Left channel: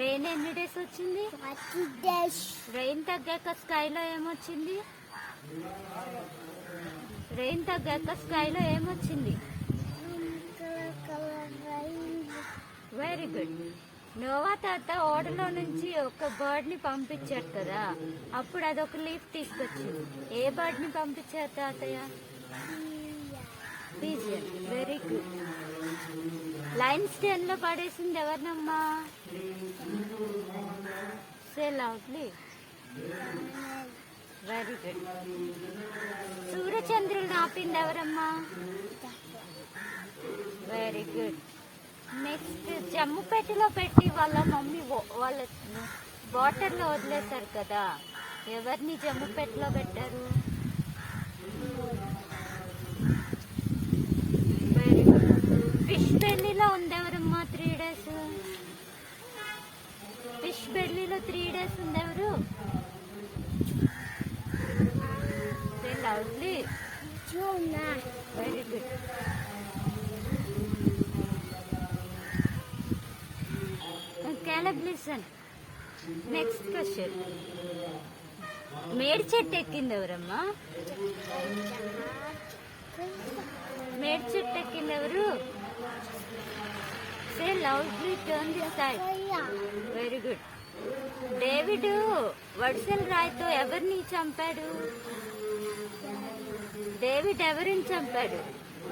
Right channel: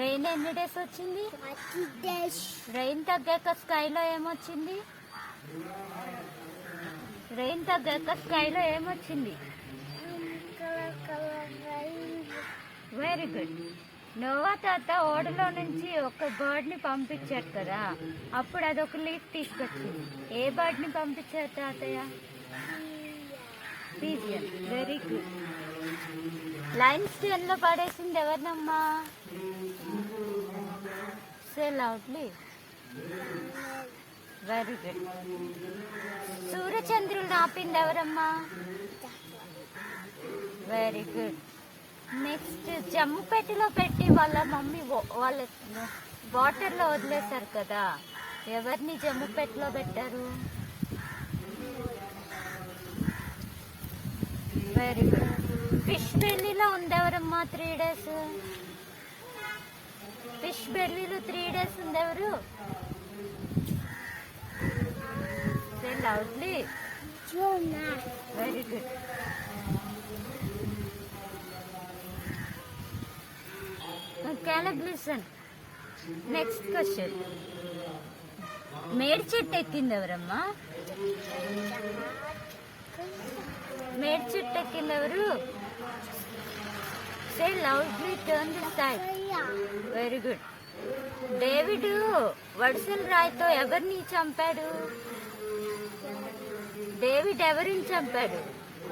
Rain ఎన్ని days వచ్చింది? Rain తగ్గాక స్కైలో ఏమొచ్చింది? రెయిన్ తగ్గాక స్కైలో ఏమొచ్చింది? వెరీ గుడ్ నోవా తాత ఓడలో నుంచి ఒక బర్డ్ని పంపించాడు కదా. అప్పుడు అదొక లీఫ్ తీసుకొచ్చింది. ఏ బర్డ్ని పంపించారు తాతయ్య? పీజియన్ వెరీ గుడ్ లైన్ స్టేన్లో పడేసింది ఎవరినమ్మా? సే లౌడ్లీ వెరీ గుడ్ సూర్యచంద్రుడు ఆపింది ఎవరమ్మా? వెరీ గుడ్ నెక్స్ట్ జమ్ము పెట్టిలో పెట్టి వాళ్ళ మమ్మీ వాళ్ళ వాటర్లో వదిలేశారు కదా. ఎవరిని జమ్ము పెట్టిలో పెట్టారు? ఉన్నారమ్మా త్రీ డేస్ ఫిష్ బెల్లీలో three days ఉందెవరు lovely? Very good Caleb, listen. Next question made చెట్టు ఎక్కింది ఎవరమ్మా మేడ్ చెట్టు ఎక్కింది ఎవరు say loudly, turn this side. Very good David వడిసెల రాయితో ఎవరిని చంపాడు? డేవిడ్ ఎవరిని చంపాడు?